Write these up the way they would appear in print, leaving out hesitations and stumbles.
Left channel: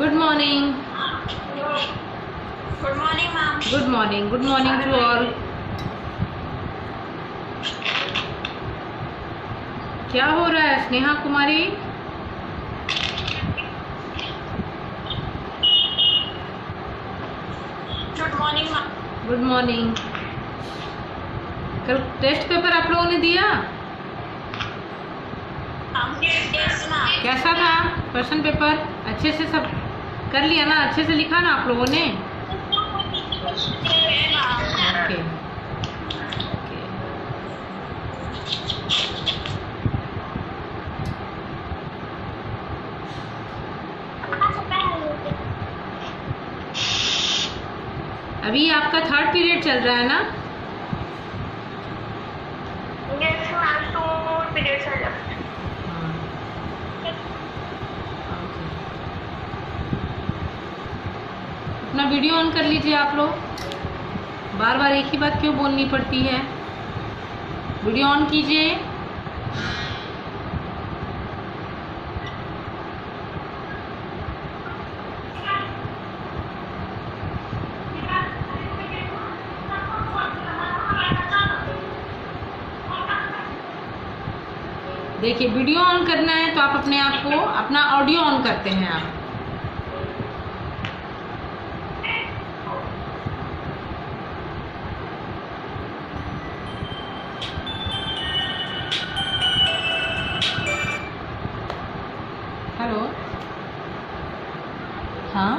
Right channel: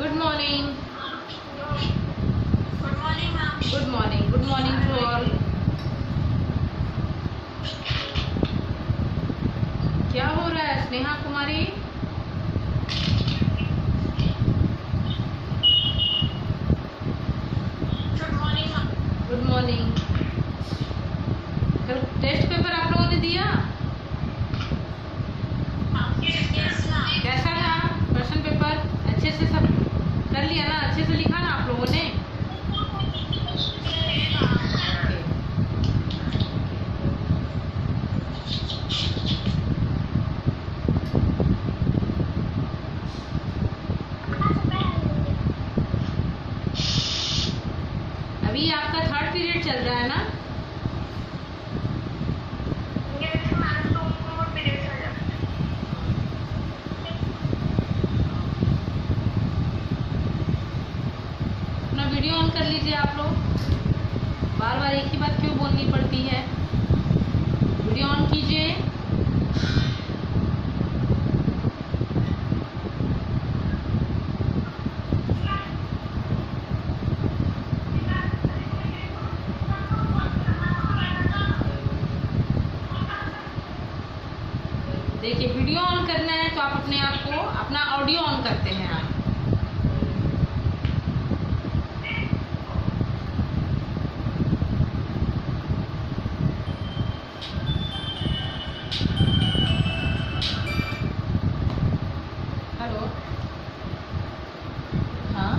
Good morning. Good morning, ma'am. Good morning. Good morning to all. क्या हो रहा है स्नेहा कुमारी? Good morning, ma'am. Good morning. कल test paper आप लोगों ने दिया? Yes, ma'am. कैसा था क्वेश्चन पेपर? अच्छे से सब कर लिया ना? अच्छे से लिखा ना आप लोगों ने? ओके। अभी आपका थर्ड पीरियड चल रहा है ना? Yes, ma'am. 2 periods are left. अपना वीडियो ऑन कर लीजिए आप लोग। बार बार एक ही बात क्यों बोलनी पड़ती है? वीडियो ऑन कीजिए। देखिए, वीडियो ऑन करना है तो आप अपने आप को अपना ऑडियो ऑन करते हैं आप। हेलो, हाँ,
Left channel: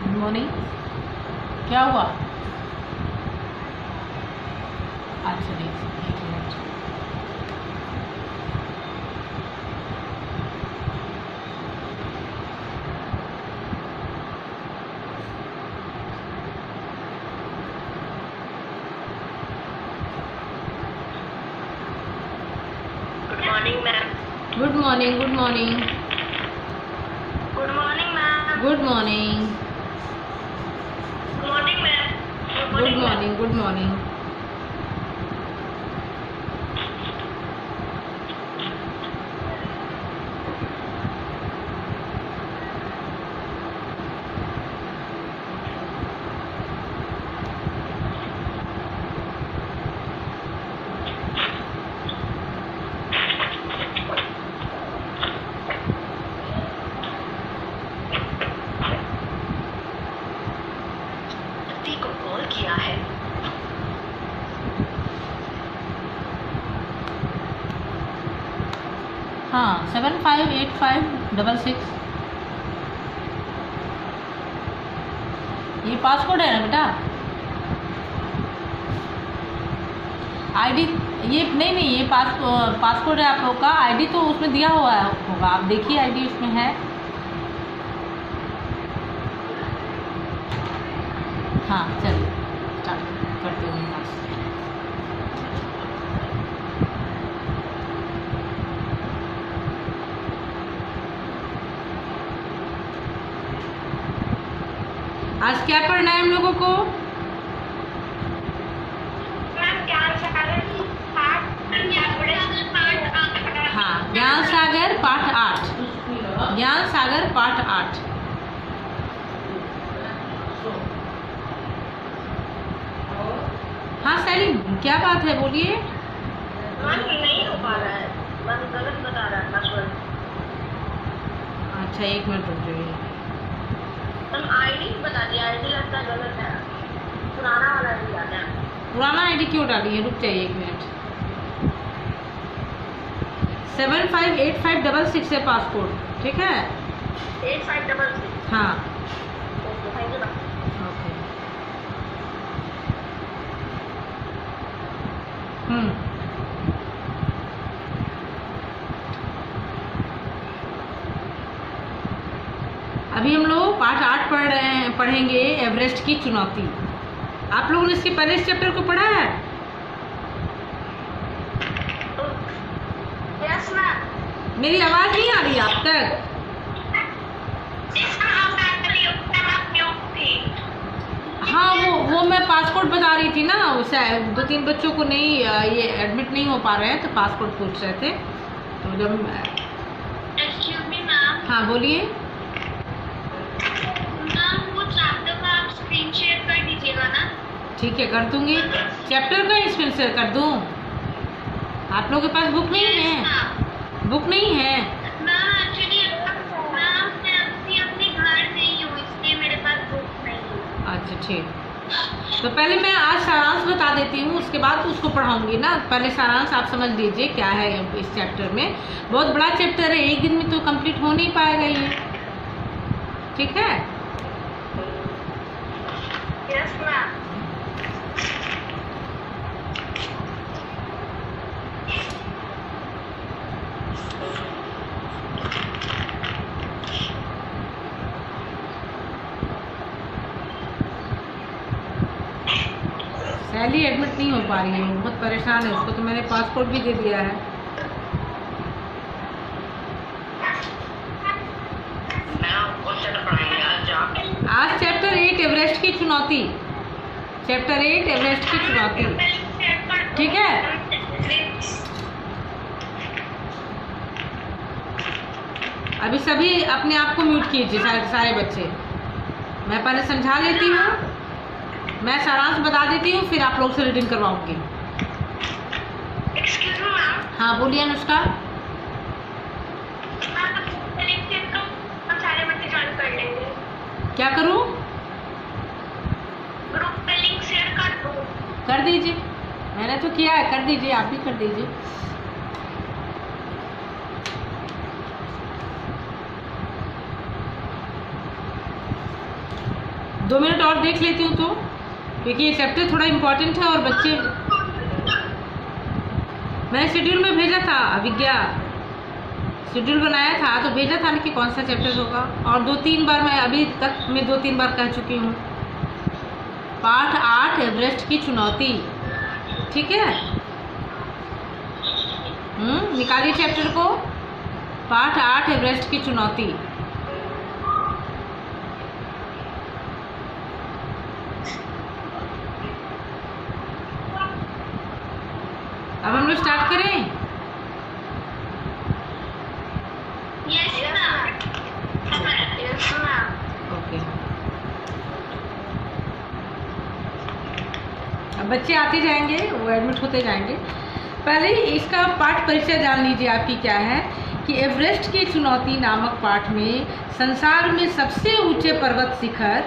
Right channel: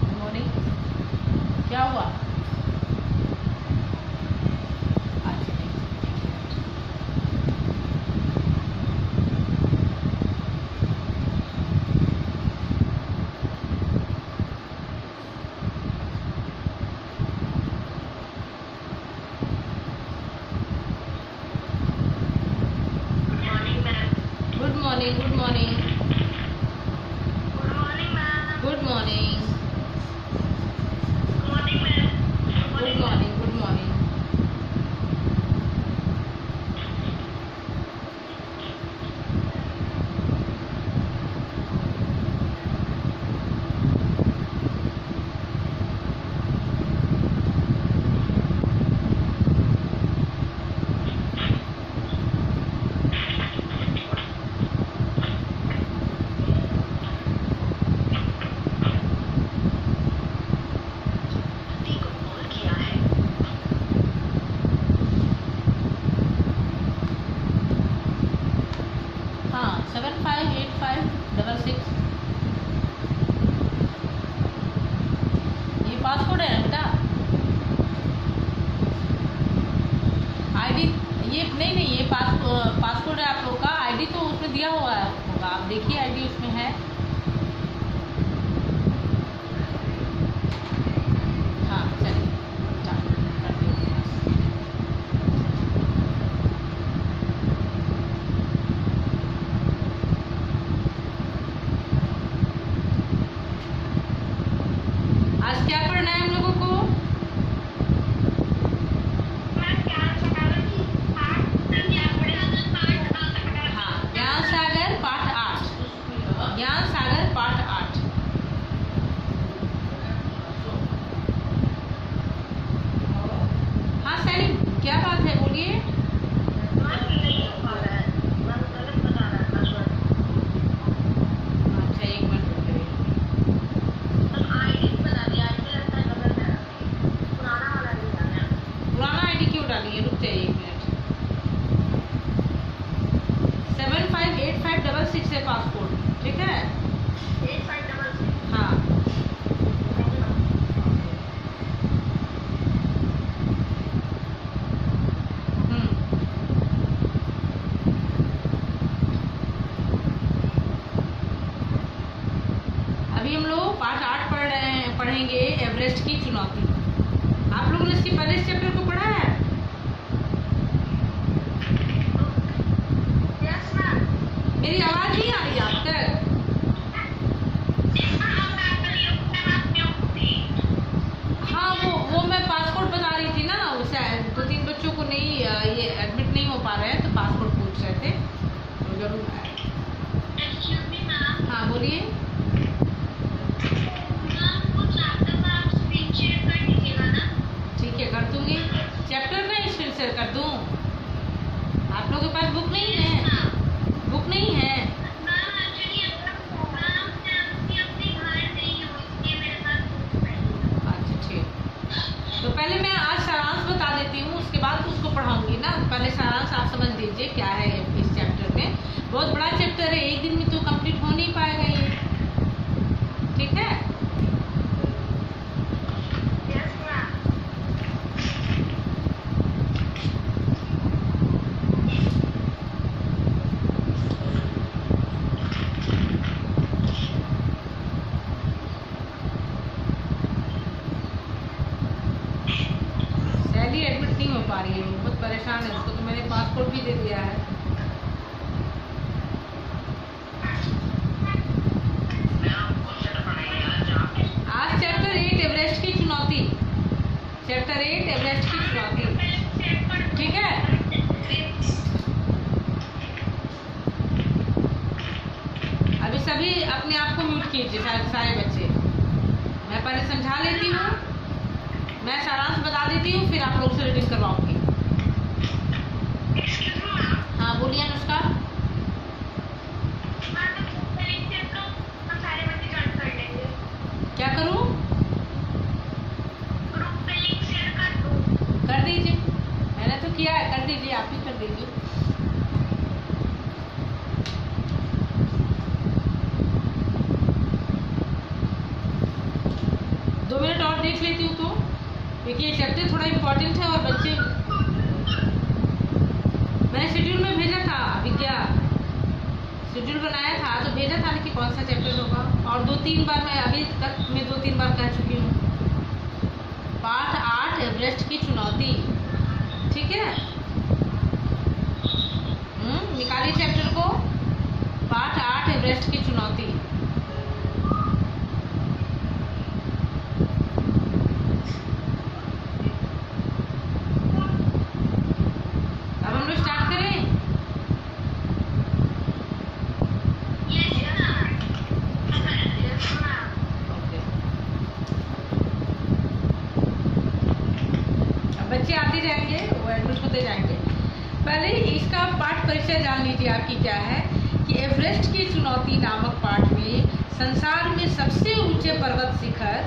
गुड मॉर्निंग। क्या हुआ? अच्छा, एक minute. Good morning, ma'am. Good morning. Good morning. Good morning, ma'am. Good morning. Good morning, ma'am. Good morning. Good morning. व्यक्ति को कॉल किया है। हाँ, 758566। ये पासकोड है ना बेटा? आईडी ये नहीं, ये पासकोड है आप लोग का। आईडी तो उसमें दिया हुआ होगा, आप देखिए आईडी उसमें है। हाँ, चलिए स्टार्ट करते हैं क्लास। आज क्या पढ़ना है हम लोगों को? Ma'am, ज्ञान सागर की पाठ हाँ, ज्ञान सागर पाठ 8। ज्ञान सागर पाठ 8। हाँ सैली, क्या बात है, बोलिए। Ma'am, नहीं हो पा रहा है। Ma'am, गलत बता रहा है पासवर्ड। अच्छा, एक मिनट रुक जाइए। Ma'am, ID बता दिया। ID लगता है गलत है। पुराना वाला ID आ गया। पुराना आईडी क्यों डाली है? रुक जाइए एक मिनट। 758566 है पासपोर्ट, ठीक है? 8566। हाँ, Thank you, ma'am. ओके। हम्म, अभी हम लोग पाठ 8 पढ़ेंगे, एवरेस्ट की चुनौती। आप लोगों ने इसके पहले इस चैप्टर को पढ़ा है? Yes, ma'am. मेरी आवाज नहीं आ रही आप तक? हाँ, वो मैं पासपोर्ट बता रही थी ना, उसे 2-3 बच्चों को नहीं, ये एडमिट नहीं हो पा रहे हैं तो पासपोर्ट पूछ रहे थे। तो जब Excuse me, ma'am. हाँ बोलिए। मैम वो चैप्टर का आप स्क्रीन शेयर कर दीजिएगा ना। ठीक है, कर दूंगी। चैप्टर का स्क्रीन शेयर कर दूँ? आप लोगों के पास बुक नहीं है? बुक नहीं है? मैम एक्चुअली मैम मैं अभी अपने घर नहीं हूँ, इसलिए मेरे पास बुक नहीं है। अच्छा ठीक। तो पहले मैं आज सारांश बता देती हूँ, उसके बाद उसको पढ़ाऊंगी ना। पहले सारांश आप समझ लीजिए क्या है इस चैप्टर में। बहुत बड़ा चैप्टर है, एक दिन में तो कंप्लीट हो नहीं पाएगा ये, ठीक है? Yes ma'am. सैली एडमिट नहीं हो पा रही है, बहुत परेशान है। उसको तो मैंने पासपोर्ट भी दे दिया है। आज चैप्टर 8 एवरेस्ट की चुनौती, चैप्टर 8 एवरेस्ट की चुनौती, ठीक है? अभी सभी अपने आप को म्यूट कीजिए, सारे बच्चे। मैं पहले समझा लेती हूँ, मैं सारांश बता देती हूँ, फिर आप लोग से रीडिंग करवाऊंगी। हाँ बोलिए अनुष्का। सारे बच्चे ज्वाइन कर लेंगे। क्या करूँ? ग्रुप पे लिंक शेयर कर दो। कर दीजिए, मैंने तो किया है, कर दीजिए, आप भी कर दीजिए। दो मिनट और देख लेती हूँ तो, क्योंकि ये चैप्टर थोड़ा इम्पोर्टेंट है। और बच्चे, मैंने शेड्यूल में भेजा था, अभिज्ञा शेड्यूल बनाया था तो भेजा था कि कौन सा चैप्टर होगा। और 2-3 बार मैं अभी तक मैं 2-3 बार कह चुकी हूँ। पाठ 8 एवरेस्ट की चुनौती, ठीक है? निकालिए चैप्टर को। पाठ 8 एवरेस्ट की चुनौती। अब हम लोग स्टार्ट करें। ओके, अब बच्चे आते जाएंगे, वो एडमिट होते जाएंगे। पहले इसका पाठ परिचय जान लीजिए आपकी क्या है कि एवरेस्ट की चुनौती नामक पाठ में संसार में सबसे ऊंचे पर्वत शिखर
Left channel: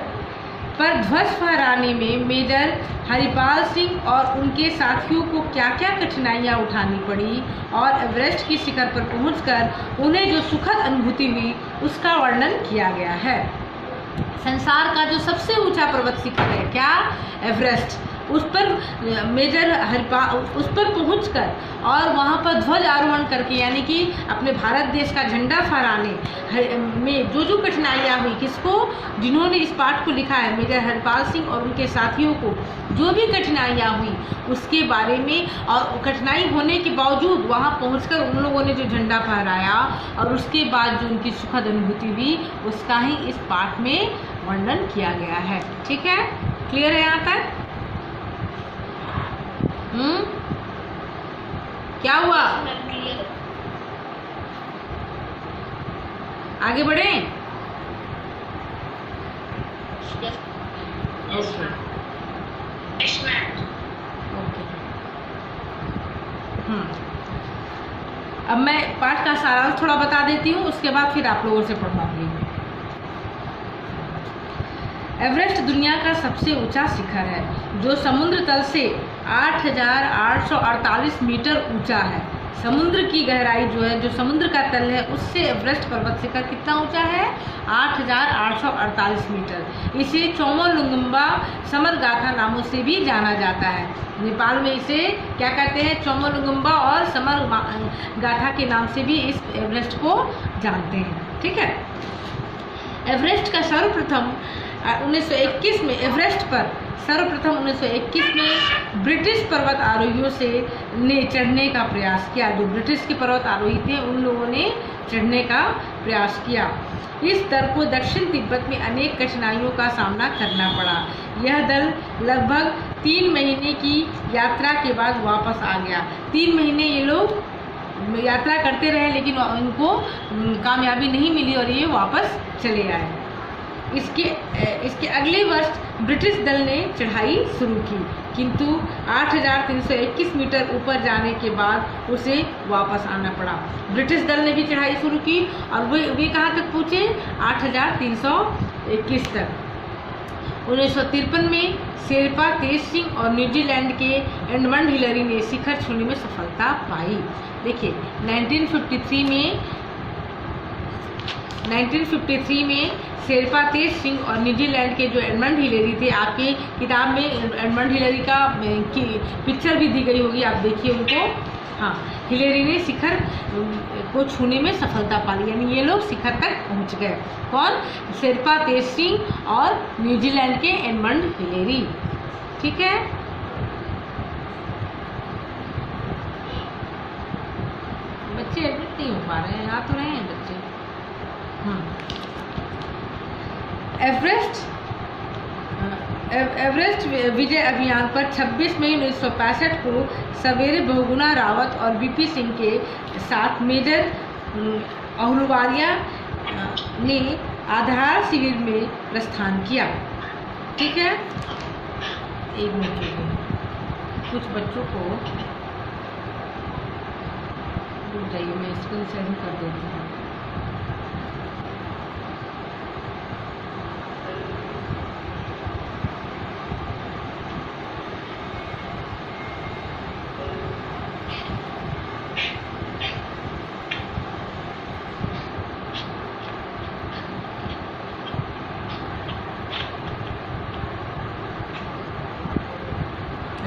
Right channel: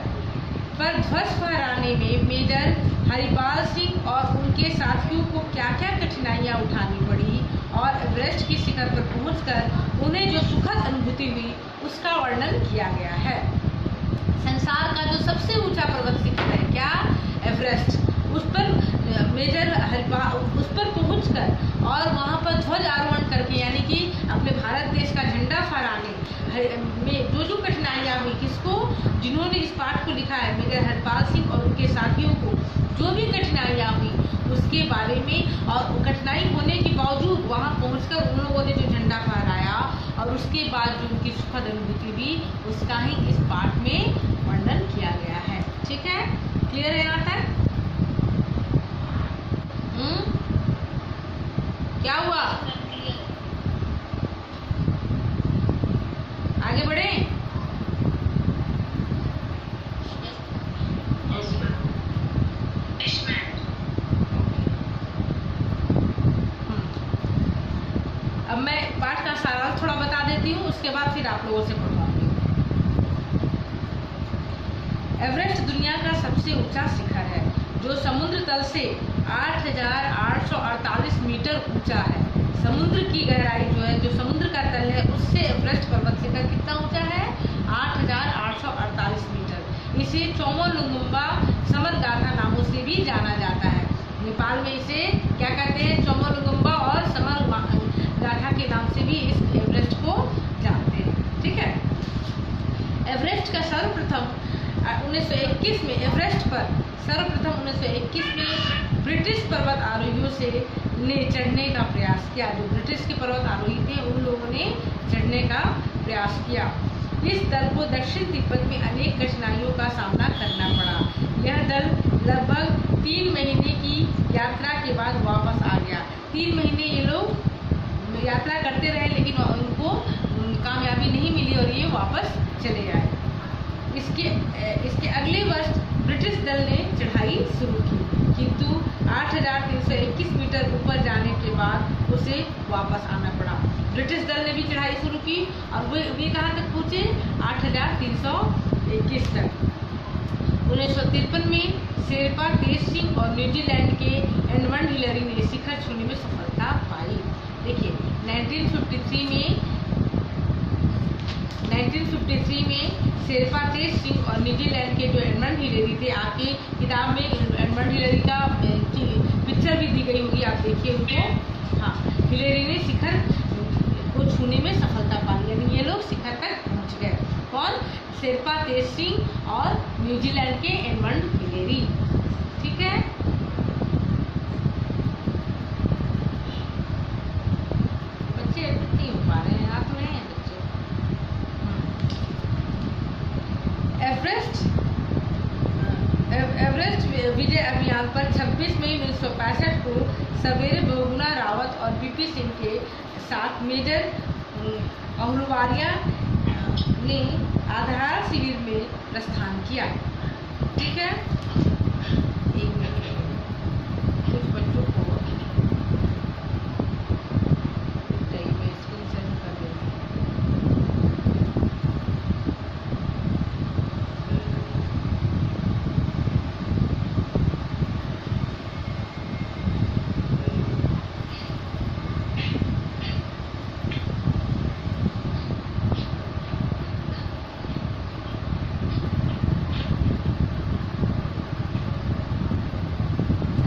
पर ध्वज फहराने में मेजर हरिपाल सिंह और उनके साथियों को क्या क्या कठिनाइयां उठानी पड़ी और एवरेस्ट की शिखर पर पहुंचकर उन्हें जो सुखद अनुभूति हुई उसका वर्णन किया गया है। संसार का जो सबसे ऊंचा पर्वत शिखर है क्या? एवरेस्ट। उस पर मेजर हरिपाल उस पर पहुंचकर और वहां पर ध्वज आरोहण करके, यानी कि अपने भारत देश का झंडा फहराने में जो जो कठिनाइयाँ हुई, किसको? जिन्होंने इस पाठ को लिखा है, मेजर हरिपाल सिंह और उनके साथियों को जो भी कठिनाइयाँ हुई उसके बारे में, और कठिनाई होने के बावजूद वहां पहुंचकर उन लोगों ने जो झंडा फहराया और उसके बाद जो उनकी सुखद अनुभूति हुई उसका ही इस पाठ में वर्णन किया गया है। ठीक है, क्लियर है यहाँ तक? क्या हुआ? आगे बढ़े? अब मैं पाठ का सारांश थोड़ा बता देती हूँ, उसके बाद फिर आप लोगों से पढ़वाऊंगी। एवरेस्ट दुनिया का सबसे ऊंचा शिखर है जो समुद्र तल से 8,848 मीटर ऊंचा है। समुद्र की गहराई जो है, जो समुद्र का तल है, उससे एवरेस्ट पर्वत शिखर कितना ऊंचा है? 8,848 मीटर। इसे चोमोलुंगुम्बा समरगाथा नामों से भी जाना जाता है। नेपाल में इसे क्या कहते हैं? चोमोलुंगुम्बा और समरगाथा के नाम से भी इस एवरेस्ट को जानते हैं। ठीक है, एवरेस्ट का सर्वप्रथम 1921 में एवरेस्ट पर सर्वप्रथम 1921 में ब्रिटिश पर्वत आरोहियों से ने चढ़ने का प्रयास किया। जो ब्रिटिश के पर्वत आरोही थे उन लोगों ने चढ़ने का प्रयास किया। इस दल को दक्षिण तिब्बत में अनेक कठिनाइयों का सामना करना पड़ा। यह दल लगभग 3 महीने की यात्रा के बाद वापस आ गया। 3 महीने ये लोग यात्रा करते रहे, लेकिन उनको कामयाबी नहीं मिली और ये वापस चले आए। इसके अगले वर्ष ब्रिटिश दल ने चढ़ाई शुरू की, किंतु 8,321 मीटर ऊपर जाने के बाद उसे वापस आना पड़ा। ब्रिटिश दल ने भी चढ़ाई शुरू की और वे कहाँ तक पहुँचे? 8,321 तक। 1953 में शेरपा तेज सिंह और न्यूजीलैंड के एडमंड हिलरी ने शिखर छूने में सफलता पाई। देखिए 1953 में शेरपा तेज सिंह और न्यूजीलैंड के जो एडमंड हिलरी थे, आपके किताब में एडमंड हिलरी का पिक्चर भी दी गई होगी, आप देखिए उनको। हाँ, हिलरी ने शिखर को छूने में सफलता पा ली, यानी ये लोग शिखर तक पहुंच गए। कौन? शेरपा तेज सिंह और न्यूजीलैंड के एडमंड हिलरी। ठीक है, बच्चे एडमिट नहीं हो पा रहे हैं, आ तो रहे हैं बच्चे। एवरेस्ट विजय अभियान पर 26 मई 1965 को सवेरे बहुगुणा रावत और बीपी सिंह के साथ मेजर अहलुवालिया ने आधार शिविर में प्रस्थान किया। ठीक है, एक मिनट कुछ बच्चों को मैं स्क्रीन शेयर कर देती हूँ।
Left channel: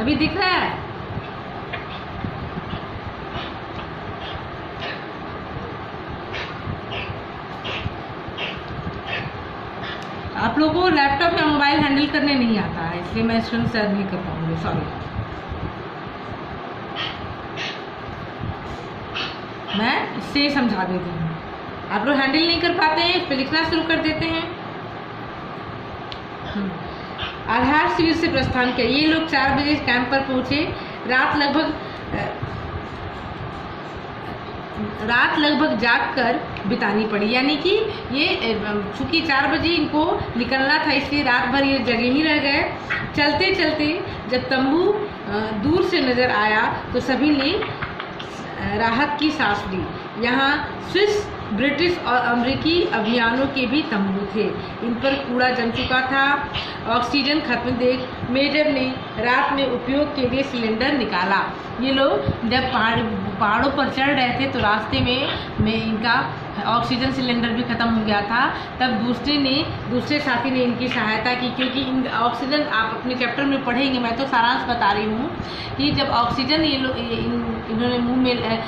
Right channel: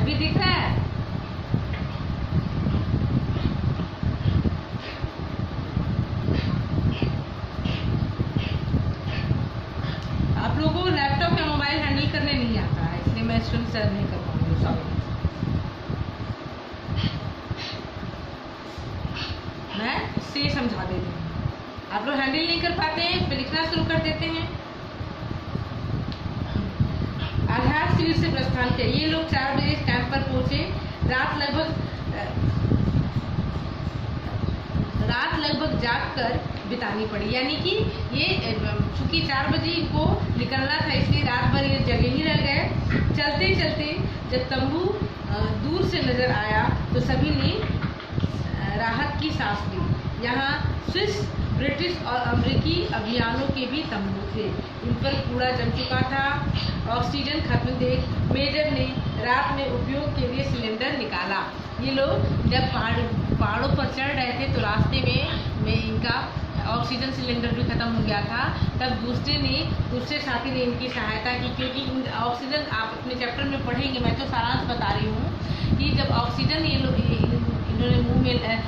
अभी दिख रहा है? आप लोगों को लैपटॉप या मोबाइल हैंडल करने नहीं आता है, इसलिए मैं स्क्रीन शेयर नहीं कर पाऊंगी, सॉरी। मैं इससे समझा देती हूँ। आप लोग हैंडल नहीं कर पाते हैं, इस पर लिखना शुरू कर देते हैं। आधार शिविर से प्रस्थान किया। ये लोग 4 बजे कैंप पर पहुंचे। रात लगभग जागकर बितानी पड़ी, यानी कि ये चूंकि 4 बजे इनको निकलना था, इसलिए रात भर ये जगे ही रह गए। चलते चलते जब तंबू दूर से नजर आया तो सभी ने राहत की सांस ली। यहाँ स्विस, ब्रिटिश और अमेरिकी अभियानों के भी तंबू थे। इन पर कूड़ा जम चुका था। ऑक्सीजन खत्म देख मेजर ने रात में उपयोग के लिए सिलेंडर निकाला। ये लोग जब पहाड़ों पर चढ़ रहे थे तो रास्ते में इनका ऑक्सीजन सिलेंडर भी खत्म हो गया था। तब दूसरे साथी ने इनकी सहायता की, क्योंकि ऑक्सीजन आप अपने चैप्टर में पढ़ेंगे, मैं तो सारांश बता रही हूँ कि जब ऑक्सीजन इन्होंने मुंह में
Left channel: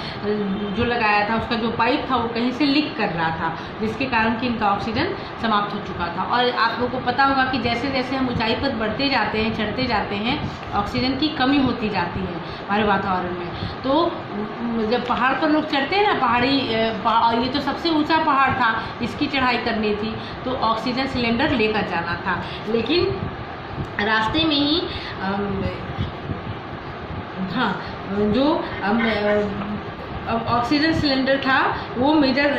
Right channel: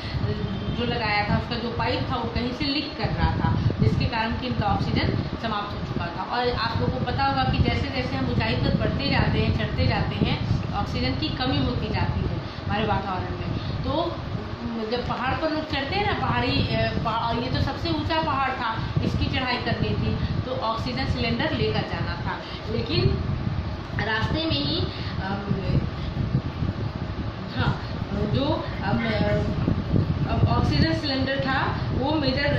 जो लगाया था, उसका जो पाइप था वो कहीं से लीक कर रहा था, जिसके कारण कि इनका ऑक्सीजन समाप्त हो चुका था। और आप लोगों को पता होगा कि जैसे जैसे हम ऊंचाई पर बढ़ते जाते हैं, चढ़ते जाते हैं, ऑक्सीजन की कमी होती जाती है हमारे वातावरण में। तो जब पहाड़ पर लोग चढ़ते हैं ना, ये तो सबसे ऊंचा पहाड़ था, इसकी चढ़ाई करनी थी, तो ऑक्सीजन सिलेंडर लेकर जाना था। लेकिन रास्ते में ही जो ऑक्सीजन सिलेंडर था वो मेजर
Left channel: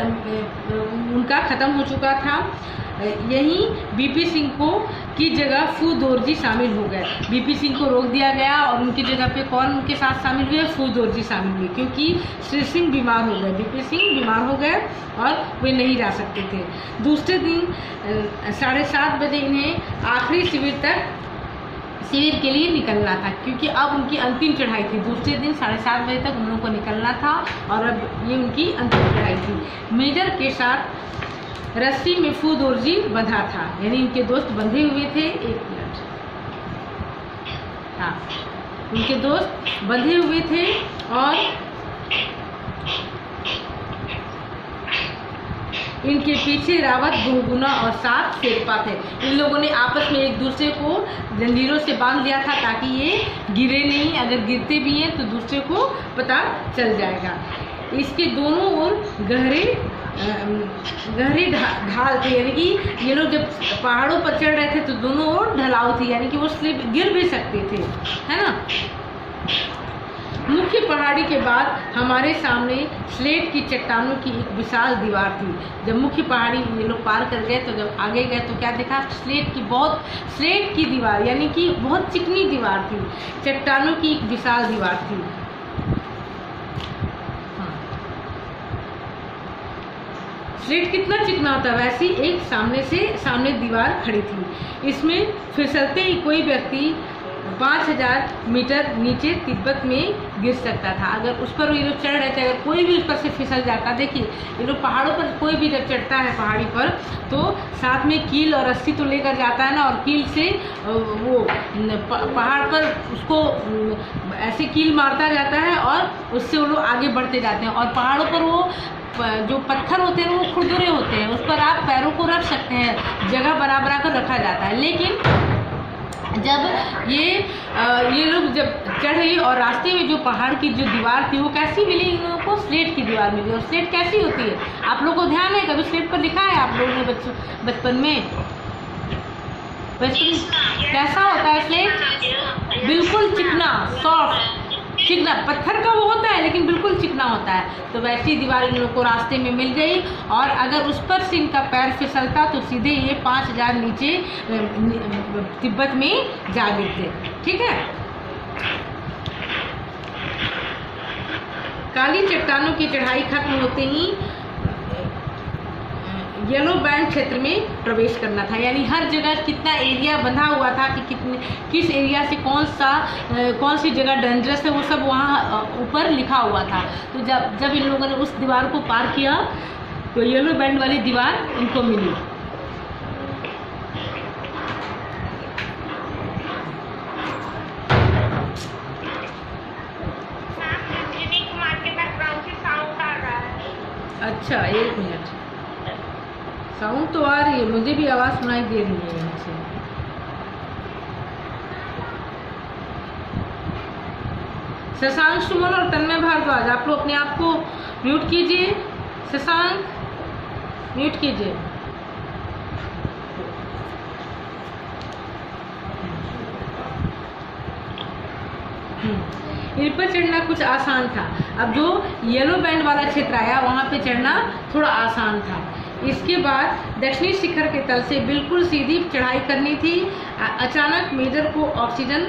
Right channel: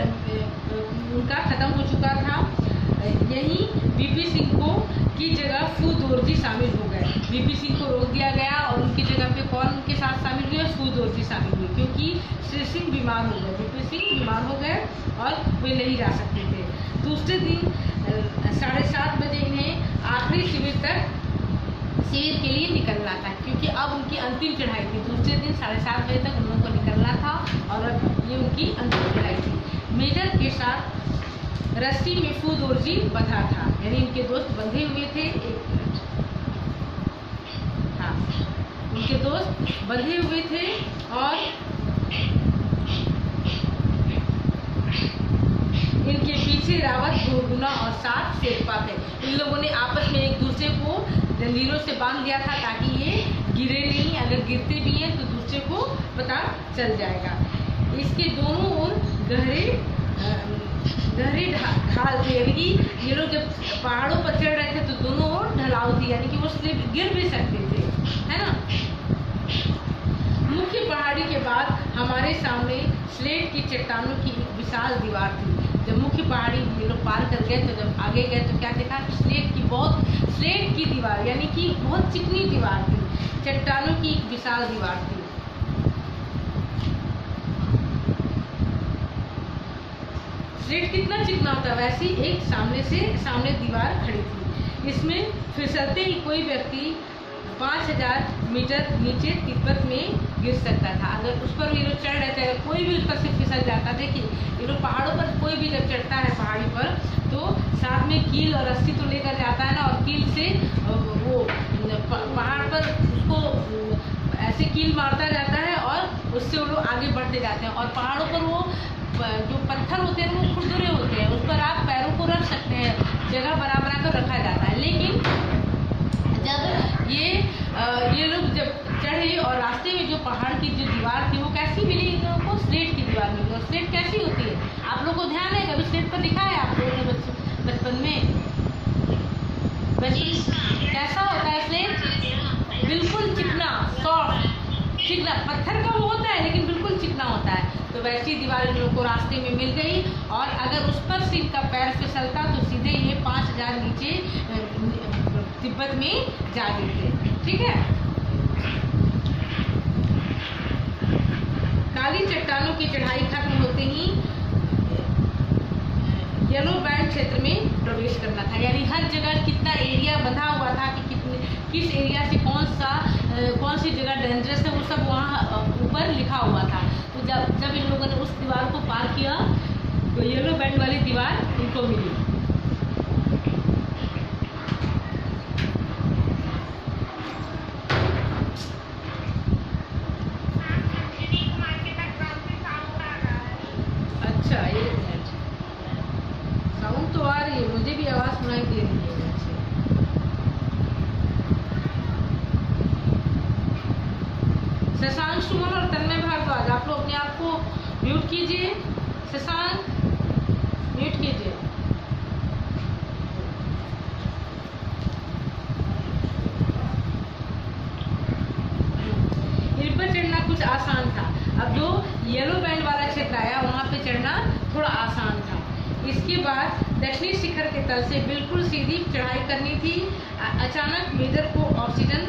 उनका ख़त्म हो चुका था। यहीं बीपी सिंह को की जगह फू दोरजी शामिल हो गए। बीपी सिंह को रोक दिया गया और उनकी जगह पे कौन उनके साथ शामिल हुए? फू दोरजी शामिल हुए, क्योंकि श्री सिंह बीमार हो गए, बीपी सिंह बीमार हो गए और वे नहीं जा सकते थे। दूसरे दिन 7:30 बजे इन्हें आखिरी शिविर के लिए निकलना था, क्योंकि अब उनकी अंतिम चढ़ाई थी। दूसरे दिन 7:30 बजे तक उन लोगों को निकलना था और अब ये उनकी अंतिम चढ़ाई थी। मेजर के साथ रस्सी में फू दोरजी बंधा था, यानी इनके दोस्त बंधे हुए थे। एक मिनट, हाँ, उनके दोस्त बंधे हुए थे और इनके पीछे रावत, बहुगुणा और 7 शेरपा थे। इन लोगों ने आपस में एक दूसरे को जंजीरों से बांध लिया था ताकि ये गिरे नहीं, अगर गिरते भी हैं तो दूसरे को पता चल जाएगा। इसके दोनों ओर गहरी ढाल थी, यानी कि ये लोग जब पहाड़ों पर चढ़ रहे थे तो दोनों ओर ढलाव थी, यानी कि वो स्लिप गिर भी सकते थे, है ना। मुख्य पहाड़ी के बाद हमारे सामने स्लेट की चट्टानों की एक विशाल दीवार थी। जब मुख्य पहाड़ी ये लोग पार कर गए तो जब आगे गए तो क्या देखा, स्लेट की दीवार, यानी कि बहुत चिकनी दीवार थी, चट्टानों की एक विशाल दीवार थी। स्लेट कितना चिकना होता है, वैसी एक सामने दीवार खड़ी थी। इसमें फिसलते ही कोई व्यक्ति 5000 मीटर नीचे तिब्बत में गिर सकता था। अगर उस पर ये लोग चढ़ रहे थे, अगर कोई भी उस पर से फिसल जाता, देखिए ये लोग पहाड़ों पर कोई भी जब चढ़ता है पहाड़ी पर तो साथ में कील और रस्सी तो लेकर जाता है ना, और कील से वो पहाड़ पर उसको ऐसे कील मारता जाता है और उससे वो लोग आगे बढ़ते जाते हैं। और पहाड़ों पर वो जो पत्थर होते हैं वो खुरदुरे होते हैं, उस पर आप पैरों को रख सकते हैं, जगह बना कर रखा जाता है। लेकिन जब ये लोग जब चढ़े और रास्ते में जो पहाड़ की जो दीवार थी वो कैसी मिली इन लोगों को, स्लेट की दीवार मिली। और स्लेट कैसी होती है, आप लोगों को ध्यान है, कभी स्लेट पर दिखा है आप लोगों ने बचपन में? कैसा होता है स्लेट? बिल्कुल चिकना, सॉफ्ट, चिकना, पत्थर का वो होता है लेकिन बिल्कुल चिकना होता है। तो वैसी दीवार इन लोगों को रास्ते में मिल गई, और अगर उस पर से इनका पैर फिसलता तो सीधे ये 5000 नीचे तिब्बत में जा गिरते। ठीक है। काली चट्टानों की चढ़ाई खत्म होते ही येलो बैंड क्षेत्र में प्रवेश करना था, यानी हर जगह कितना एरिया बंधा हुआ था कि किस एरिया से कौन सी जगह डेंजरस है वो सब वहाँ ऊपर लिखा हुआ था। तो जब इन लोगों ने उस दीवार को पार किया तो येलो बैंड वाली दीवार इनको मिली। अच्छा, एक मिनट, साउंड तो आ रही है, मुझे भी आवाज़ सुनाई दे रही है यहाँ से। शशांक सुमन और तन्मय भारद्वाज, आप लोग अपने आप को म्यूट कीजिए। शशांक म्यूट कीजिए। इन पर चढ़ना कुछ आसान था। अब जो येलो बैंड वाला क्षेत्र आया वहाँ पे चढ़ना थोड़ा आसान था। इसके बाद दक्षिणी शिखर के तल से बिल्कुल सीधी चढ़ाई करनी थी। अचानक मेजर को ऑक्सीजन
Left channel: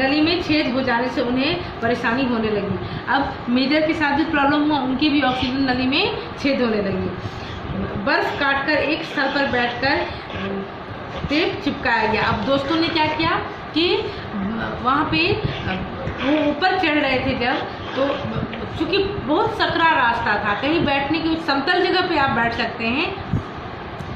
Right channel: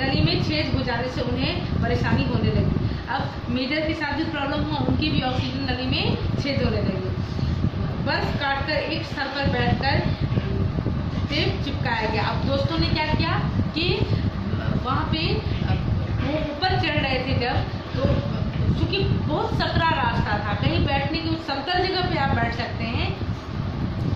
नली में छेद हो जाने से उन्हें परेशानी होने लगी। अब मेजर के साथ भी प्रॉब्लम हुआ, उनकी भी ऑक्सीजन नली में छेद होने लगी। बर्फ काटकर एक स्थल पर बैठकर टेप चिपकाया गया। अब दोस्तों ने क्या किया कि वहाँ पे वो ऊपर चढ़ रहे थे जब, तो क्योंकि बहुत सकरा रास्ता था, कहीं बैठने की समतल जगह पे आप बैठ सकते हैं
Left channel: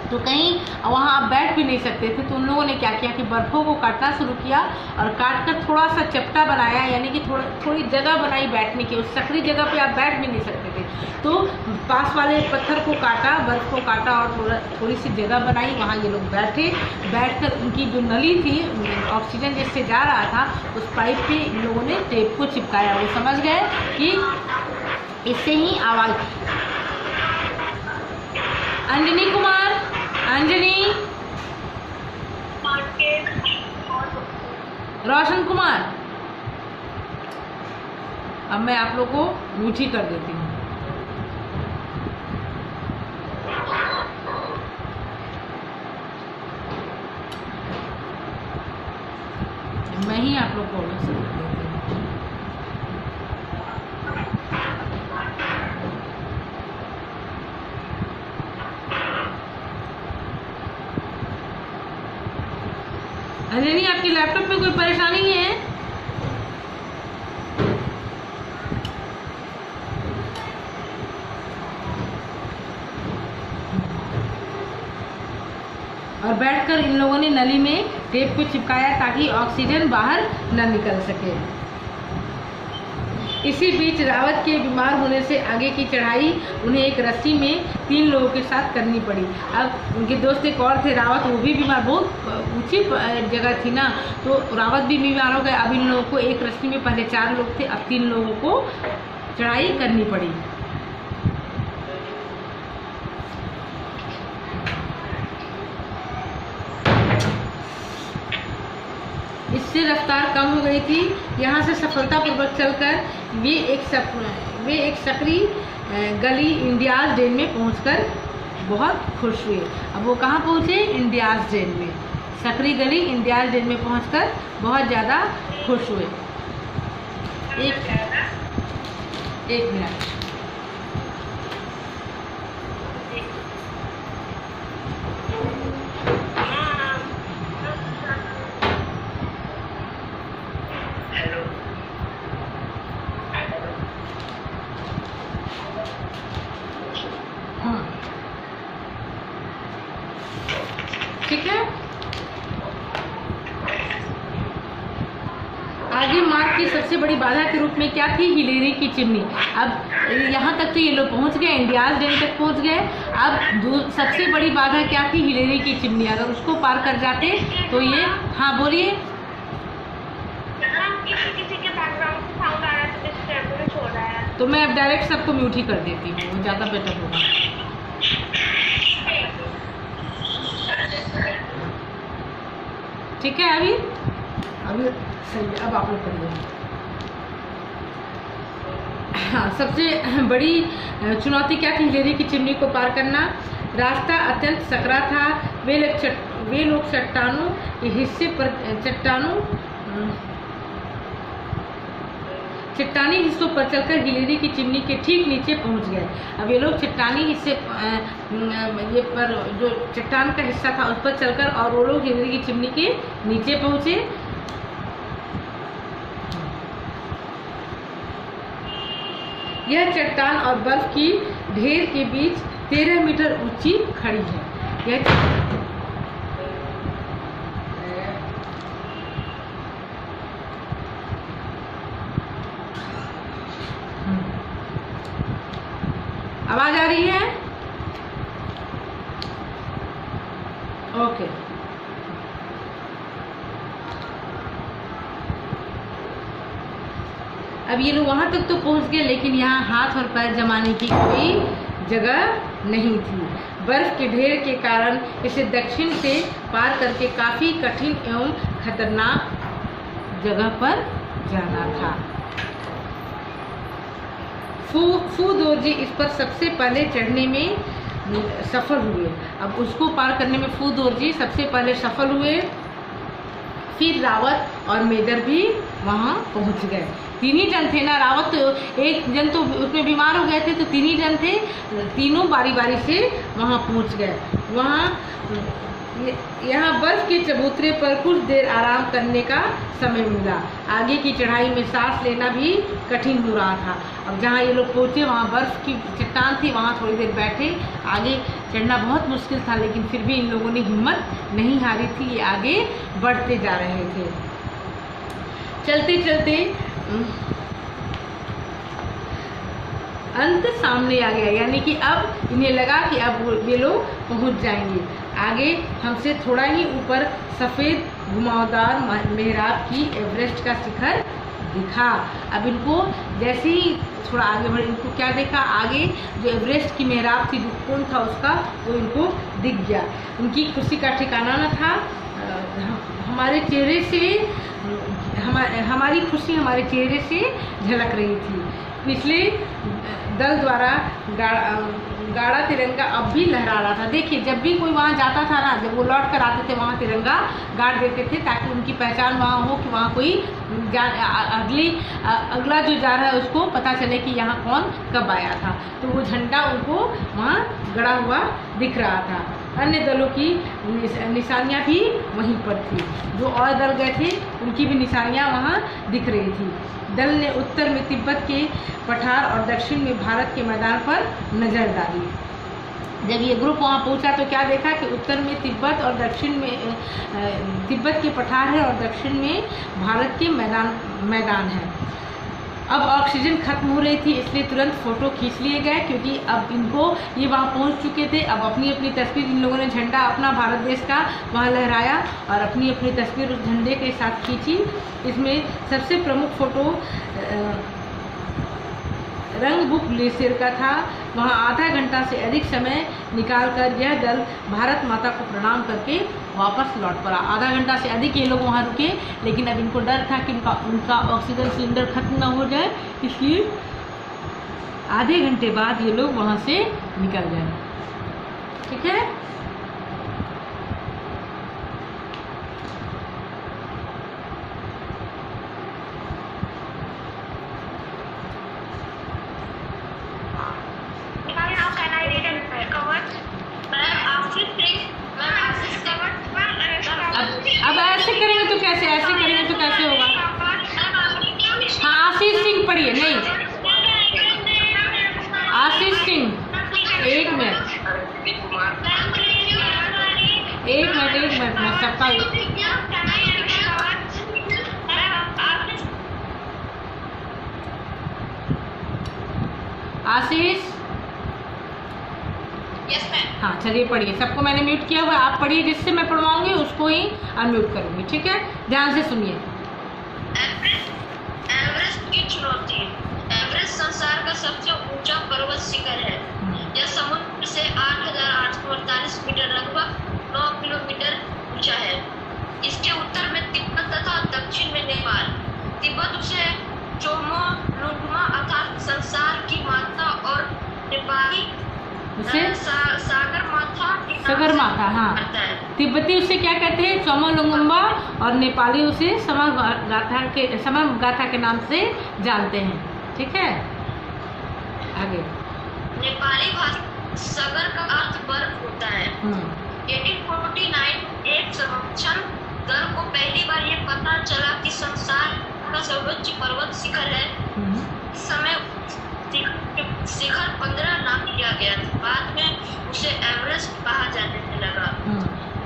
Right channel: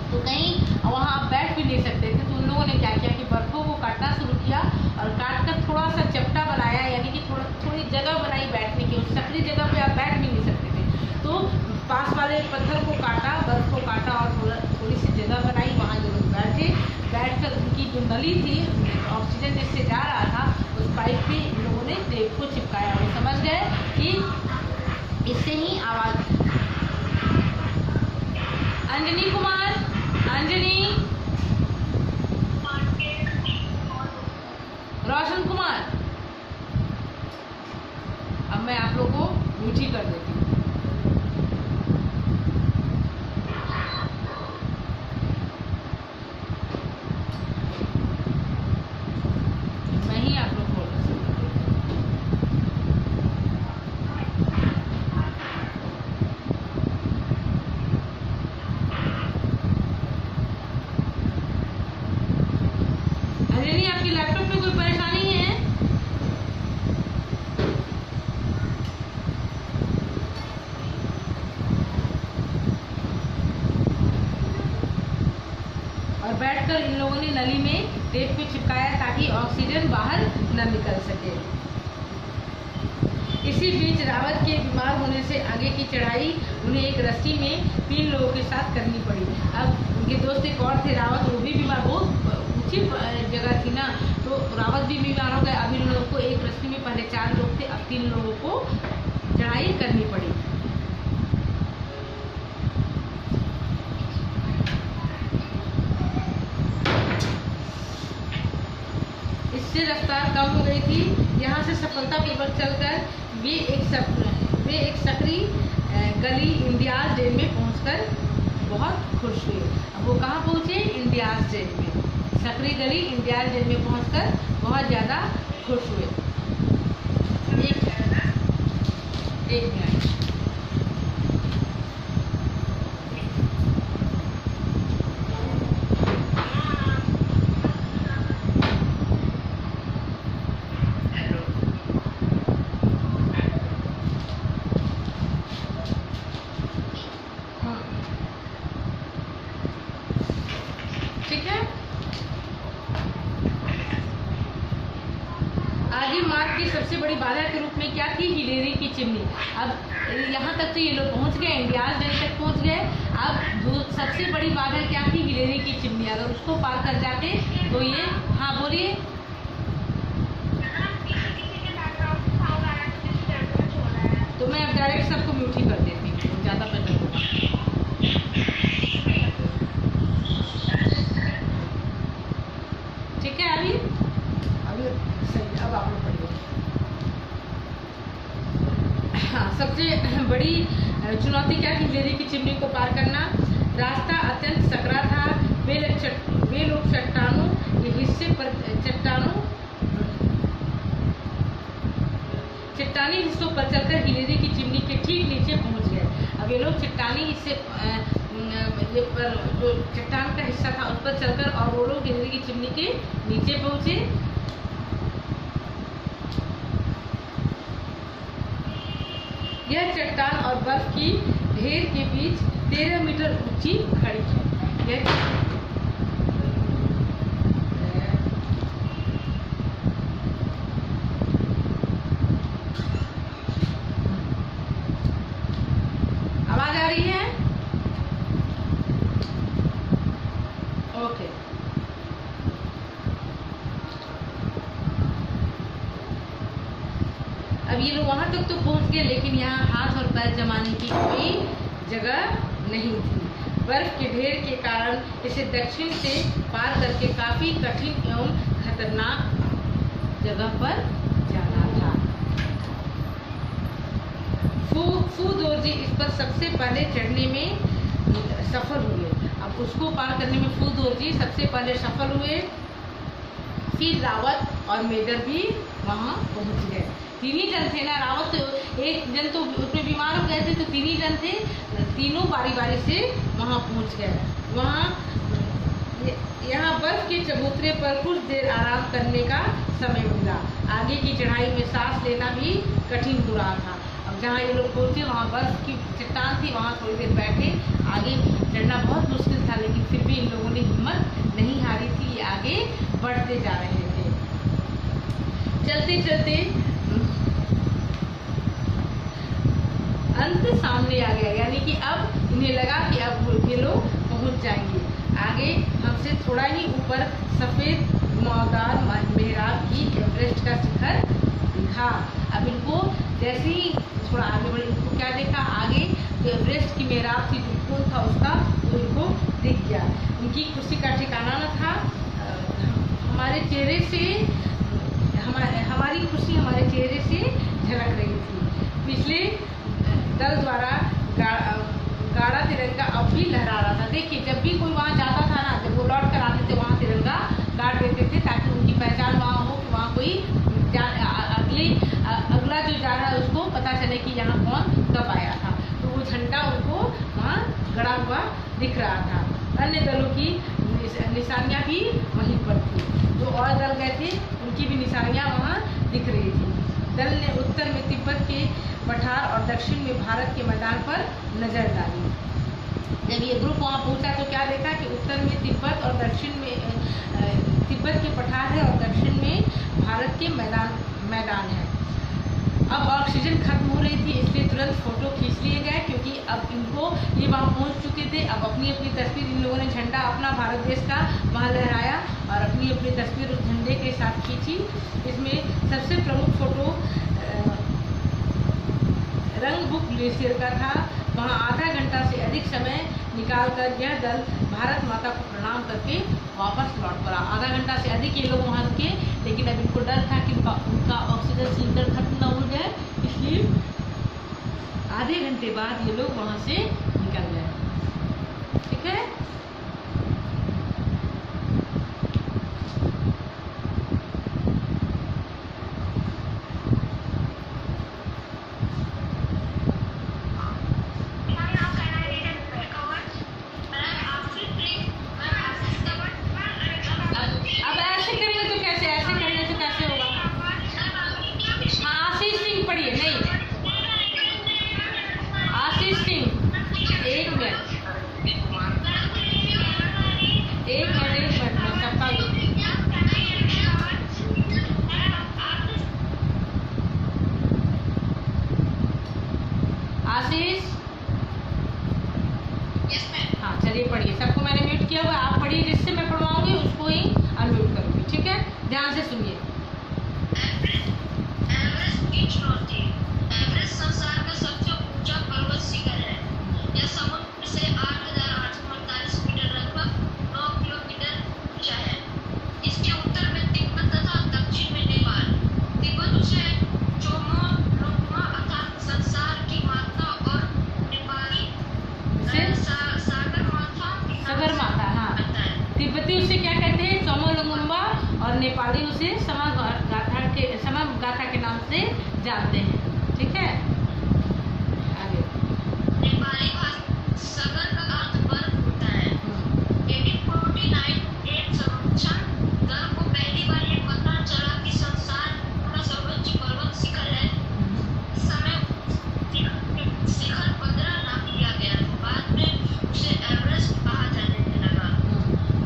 तो कहीं वहाँ आप बैठ भी नहीं सकते थे। तो उन लोगों ने क्या किया कि बर्फ़ों को काटना शुरू किया और काट कर थोड़ा सा चपटा बनाया, यानी कि थोड़ी जगह बनाई बैठने की। उस सकरी जगह पे आप बैठ भी नहीं सकते थे, तो पास वाले पत्थर को काटा, बर्फ़ को काटा और थोड़ी सी जगह बनाई, वहाँ ये लोग बैठकर उनकी जो नली थी ऑक्सीजन जिससे जा रहा था उस पाइप पे इन लोगों ने टेप को चिपकाया। वो समझ गए कि इससे ही आवाज़। अंजनी कुमार, अंजनी, रोशन कुमार, अब मैं आप लोग को रूचि कर देती हूँ। मैं ही आप लोग को अंजनी, आपकी लैपटॉप में कोई परेशानी है? और बैठकर इन लोगों ने नली में टेप को चिपकाया ताकि ऑक्सीजन बाहर न निकल सके। इसी बीच रावत के बीमार होने से आगे की चढ़ाई उन्हें एक रस्सी में 3 लोगों के साथ करनी पड़ी। अब उनके दोस्त एक और थे रावत, वो भी बीमार, बहुत ऊंची जगह थी ना, तो रावत भी बीमार हो गए। अब इन लोगों को एक रस्सी में पहले 4 लोग थे, अब 3 लोगों को चढ़ाई करनी पड़ी। इस इससे रफ्तार कम हो गई थी। यहाँ से सफलतापूर्वक चलकर वे एक सकरी गली इंडियाज डेन में पहुंचकर बहुत खुश हुए। अब वो कहाँ पहुँचे? इंडियाज डेन में। सकरी गली इंडियाज डेन में पहुंचकर बहुत ज़्यादा खुश हुए। एक मिनट। हाँ, ठीक है। आगे मार्ग की सबसे बड़ी बाधा के रूप में क्या थी? हिलेरी की चिमनी। अब यहाँ तक तो ये लोग पहुँच गए, इंडियाज डेन तक पहुँच गए। अब सबसे बड़ी बाधा क्या थी? हिलेरी की चिमनी। अगर उसको पार कर जाते तो ये, हाँ बोलिए। तो मैं अब डायरेक्ट सबको म्यूट ही कर देती हूँ, ज़्यादा बेटर होगा। ठीक है, अभी सही है। अब आप लोग पढ़िए। हाँ, सबसे बड़ी चुनौती क्या थी? हिलेरी की चिमनी को पार करना। रास्ता अत्यंत सकरा था। वे लोग चट्टानों के हिस्से पर चट्टानी हिस्सों पर चलकर हिलेरी की चिमनी के ठीक नीचे पहुंच गए। अब ये लोग चट्टानी हिस्से ये पर जो चट्टान का हिस्सा था उस पर चलकर और वो लोग हिलेरी की चिमनी के नीचे पहुंचे। यह चट्टान और बर्फ की ढेर के बीच 13 मीटर ऊंची खड़ी है। आवाज आ रही है? ओके। अब ये लोग वहां तक तो पहुंच गए, लेकिन यहाँ हाथ और पैर जमाने की कोई जगह नहीं थी। बर्फ के ढेर के कारण इसे दक्षिण से पार करके काफी कठिन एवं खतरनाक जगह पर जाना था। फू दोरजी इस पर सबसे पहले चढ़ने में सफल हुए। अब उसको पार करने में फू दोरजी सबसे पहले सफल हुए। फिर रावत और मेजर भी वहाँ पहुँच गए। तीन ही जन थे ना, रावत तो एक जन तो उसमें बीमार हो गए थे, तो तीन ही जन थे। तीनों बारी बारी से वहाँ पहुँच गए। यहाँ बर्फ के चबूतरे पर कुछ देर आराम करने का समय मिला। आगे की चढ़ाई में सांस लेना भी कठिन हो रहा था। अब जहाँ ये लोग पहुँचे वहाँ बर्फ की चट्टान थी, वहाँ थोड़ी देर बैठे। आगे चढ़ना बहुत मुश्किल था, लेकिन फिर भी इन लोगों ने हिम्मत नहीं हारी थी। ये आगे बढ़ते जा रहे थे। चलते चलते अंत सामने आ गया, यानी कि अब इन्हें लगा कि अब ये लोग पहुँच जाएंगे। आगे हमसे थोड़ा ही ऊपर सफ़ेद घुमावदार मेहराब की एवरेस्ट का शिखर दिखा। अब इनको जैसे ही थोड़ा आगे बढ़े, इनको क्या देखा? आगे जो एवरेस्ट की मेहराब थी, जो कौन था उसका, वो इनको दिख गया। इनकी खुशी का ठिकाना न था। हमारे चेहरे से हमारी खुशी हमारे चेहरे से झलक रही थी। पिछले दल द्वारा गाढ़ा तिरंगा अब भी लहरा रहा था। देखिए, जब भी कोई वहाँ जाता था ना, जब वो लौट कर आते थे, वहाँ तिरंगा गाड़ देते थे, ताकि उनकी पहचान वहाँ हो कि वहाँ कोई अगला जो जा रहा है उसको पता चले कि यहाँ कौन कब आया था। तो वो झंडा उनको वहाँ गड़ा हुआ दिख रहा था। अन्य दलों की निशानियाँ भी वहीं पर थी। जो और दल गए थे उनकी भी निशानियाँ वहाँ दिख रही थी। दल ने उत्तर में तिब्बत के पठार और दक्षिण में भारत के मैदान पर नजर डाली। जब ये ग्रुप वहाँ पहुँचा तो क्या देखा कि उत्तर में तिब्बत और दक्षिण में तिब्बत के पठार है और दक्षिण में भारत के मैदान है। अब ऑक्सीजन खत्म हो रही थी, इसलिए तुरंत फ़ोटो खींच लिए गए, क्योंकि अब इनको ये वहाँ पहुँच चुके थे। अब अपनी अपनी तस्वीर, इन लोगों ने झंडा अपना भारत देश का वहाँ लहराया और अपनी अपनी तस्वीर उस झंडे के साथ खींची। इसमें सबसे प्रमुख फ़ोटो रंगबुक ग्लेशियर का था। वहाँ आधा घंटा से अधिक समय निकालकर यह दल भारत माता को प्रणाम करके वापस लौट पड़ा। आधा घंटा से अधिक ये लोग वहाँ रुके, लेकिन अब इनको डर था कि उनका ऑक्सीजन सिलेंडर खत्म ना हो जाए, इसलिए आधे घंटे बाद ये लोग वहाँ से निकल गए। ठीक है। अब ऐसे करेंगे तो कैसे, ऐसे करेंगे तो कैसे होगा? हाँ, आशीष सिंह पढ़िए। नहीं, आशीष सिंह, एक मिनट मैं सबका आशीष। हाँ, चलिए पढ़िए। सबको मैंने म्यूट किया हुआ, आप पढ़िए। जिससे मैं पढ़वाऊंगी उसको ही अनम्यूट करूंगी। ठीक है, ध्यान से सुनिए। एवरेस्ट की चुनौती। एवरेस्ट संसार का सबसे ऊंचा पर्वत शिखर है। यह समुद्र से 8,848 मीटर लगभग 9 किलोमीटर ऊंचा है। इसके उत्तर में तिब्बत तथा दक्षिण में नेपाल। तिब्बत उसे चोमोलुंगमा अर्थात संसार की माता और नेपाली सागर माता। हाँ, तिब्बती उसे क्या कहते हैं? चोमोलुंगमा, और नेपाली उसे समगाथा के नाम से जानते हैं। ठीक है, आगे। नेपाली भाषा सागर का अर्थ बर्फ होता है। 1849 एक सर्वेक्षण दल को पहली बार ये पता चला कि संसार का सर्वोच्च पर्वत शिखर है। इस समय शिखर 15 नाम दिया गया था। बाद में उसे एवरेस्ट कहा जाने लगा।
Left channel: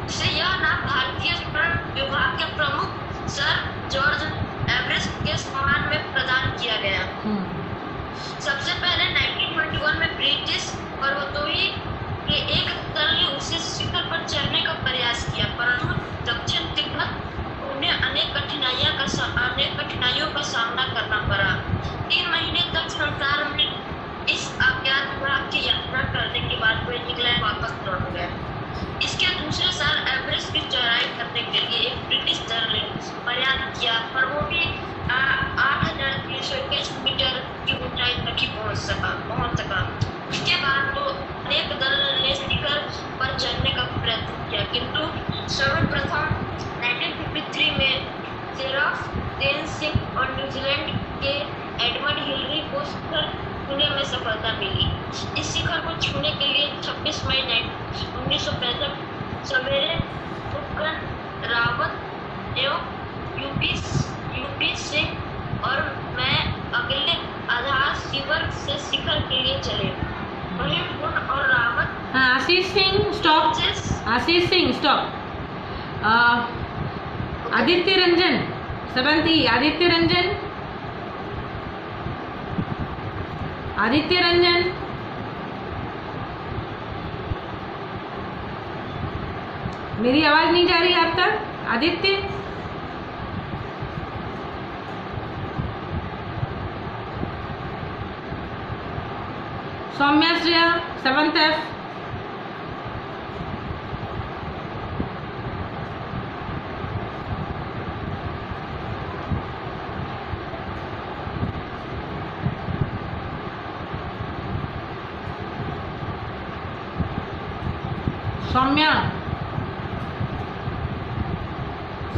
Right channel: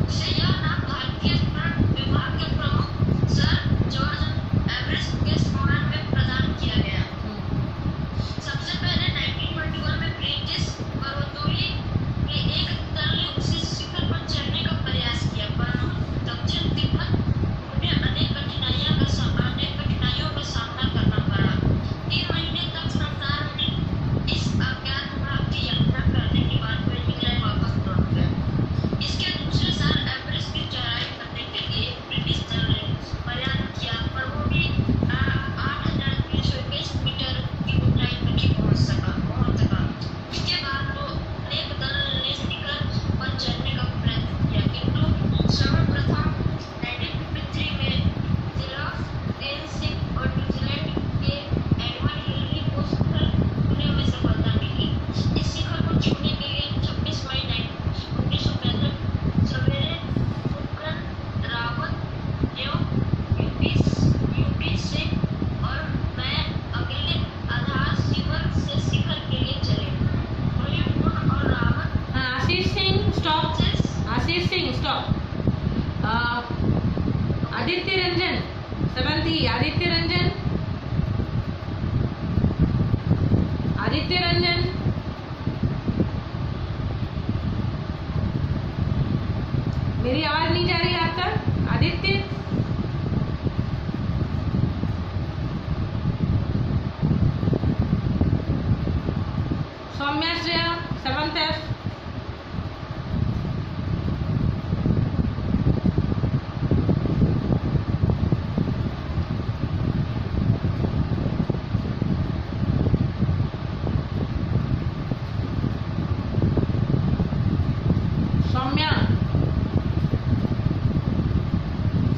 उसे यह नाम भारतीय वन विभाग के प्रमुख सर जॉर्ज एवरेस्ट के सम्मान में प्रदान किया गया। सबसे पहले 1921 में ब्रिटिश पर्वतारोही के एक दल ने उसे शिखर पर चढ़ने का प्रयास किया, परंतु दक्षिण तिब्बत उन्हें अनेक कठिनाइयों का सामना करना पड़ा। 3 महीने तक संसार में इस अज्ञात विभाग की यात्रा करने के बाद वे इंग्लैंड वापस लौट गए। इसके दूसरे साल एवरेस्ट की चढ़ाई करने के लिए एक ब्रिटिश दल ने प्रयास किया, पर वो भी 8,321 मीटर की ऊंचाई तक ही पहुंच सका। इसके बाद तो अनेक दल ने शिखर पर चढ़ने का प्रयत्न किया, किंतु सर्वप्रथम 1953 में सिर्फ देन सिंह और न्यूजीलैंड के एडमंड हिलरी को शिखर छूने में सफलता मिली। इस शिखर को छूने के लिए 26 मई 1965 सवेरे उपकरण रावत एवं यूपी सिंह और मैं अगले आधार शिविर से शिखर के लिए चले। वहीं पुन और रावत। हाँ, आशीष सिंह स्टॉप। आशीष सिंह स्टॉप। आदित्य रंजन सबंती। आदित्य रंजन मेरी आवाज नहीं जा रही आप तक? Aditya, Saumya Shreya 7th F।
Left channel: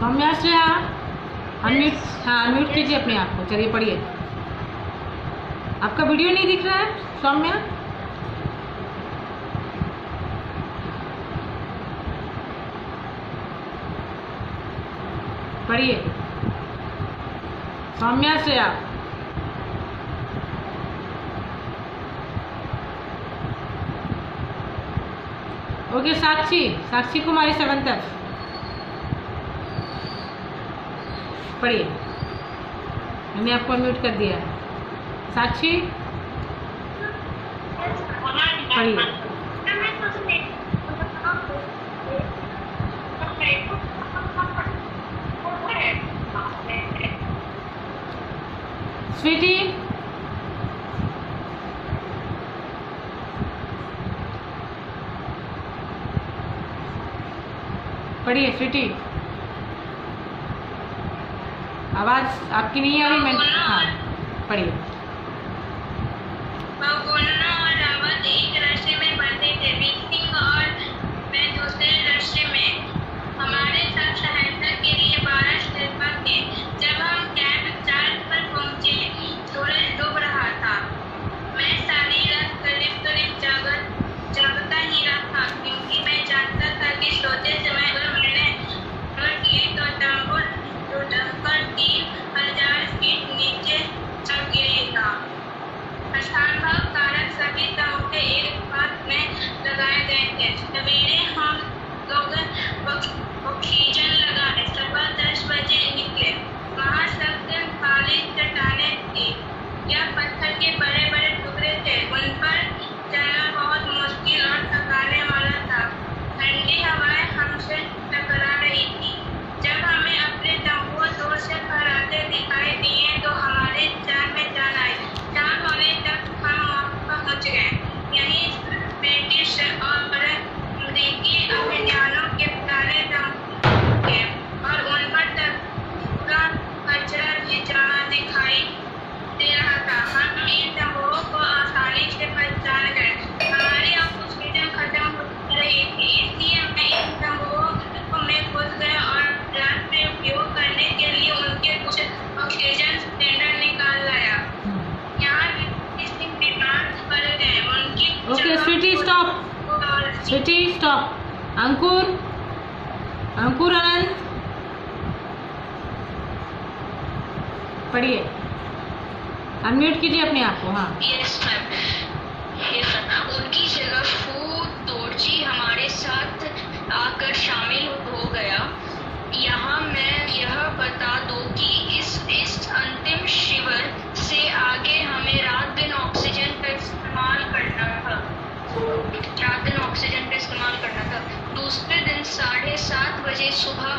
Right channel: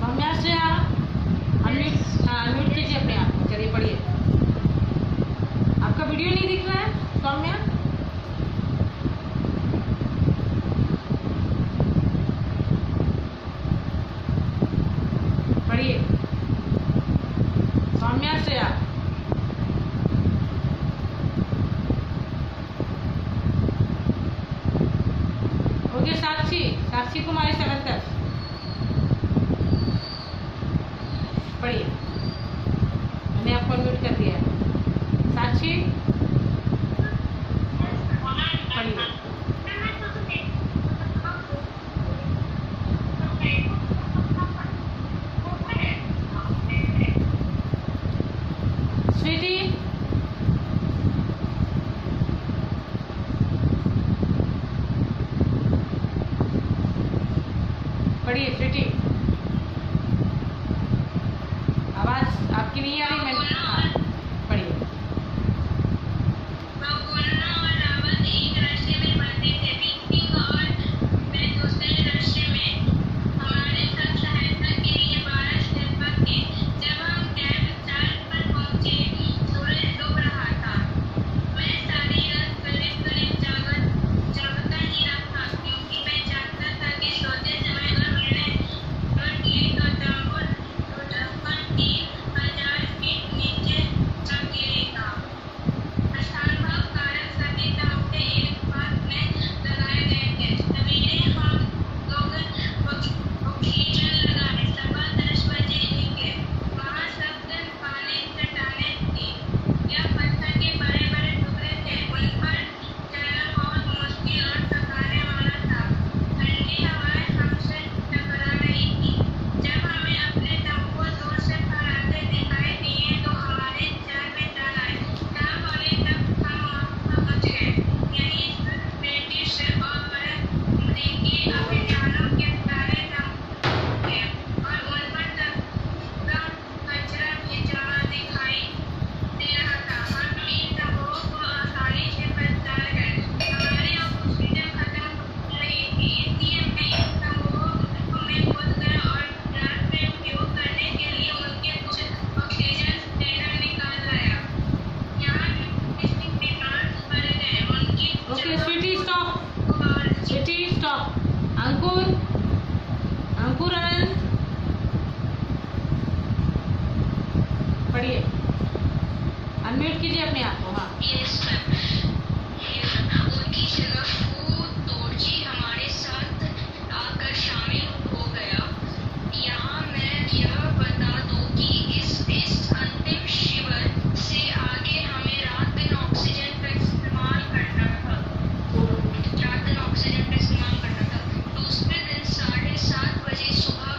Saumya Shreya unmute. हाँ, अनम्यूट कीजिए अपने आप को। चलिए पढ़िए। आपका वीडियो नहीं दिख रहा है सौम्या? पढ़िए सौम्या श्रेया। ओके, साक्षी कुमारी 7th F। पढ़िए, मैंने आपको म्यूट कर दिया है। साक्षी पढ़िए। स्वीटी पढ़िए स्वीटी, आवाज़ आपकी नहीं आ रही। मैं हाँ पढ़िए। बगुल्लो और रावत एक रस्ते में पढ़ते थे। सिंह और मैं दूसरे रस्ते में। हमारे साथ सहायता के लिए 12 शेरपा थे। जब हम कैंप 4 पर पहुंचे, सूरज डूब रहा था। मैं सारी रात करीब जागता ही रहा, क्योंकि मैं जानता था कि सोते समय अगर मैंने किए तो तंबू टूटकर 3000 फीट नीचे चल गिरेगा। असंभव कारण सभी तंबू एक बात में लगाए गए थे। सवेरे हम लोग ऑक्सीजन लगाए। सुबह 10 बजे निकले। वहाँ सब काली चट्टानें थी। यह पत्थर के बड़े बड़े टुकड़े थे। उन पर चलना बहुत मुश्किल और थकाने वाला था। ठंडी हवाएं हमसे टकरा रही थी। जब हमें अपने तंबू दूर से फहराते दिखाई दिए तो हमारे जान में जान आई। शाम होने तक हम पहुंच गए। यहीं ब्रिटिश और अमेरिकी अभियानों के तारे तंबू थे और उन पर का कचरा भी जमा दिखाई दे रहा था। हम इन तंबुओं को आसानी से पहचान गए। हमारी ऑक्सीजन खत्म हो रही थी, इसलिए मैं इन तंबुओं में घुस गया और रात में उपयोग करने के लिए उनके कुछ ऑक्सीजन सिलेंडर निकाल लाया। यहाँ बीमार पड़ गए। उनकी okay sweetie stop, sweetie stop. Ankur, Ankur Anand पढ़िए, अनम्यूट कीजिए अपने आप को। हाँ यस मैम, यस मैम। उनकी जगह फू दोरजी हमारे साथ आकर शामिल हो गया। यहाँ मैं यह बता दूं कि इस अंतिम शिविर से आगे हमें रात दिन ऑक्सीजन का इस्तेमाल करना था। दूसरे दिन 7:30 बजे सुबह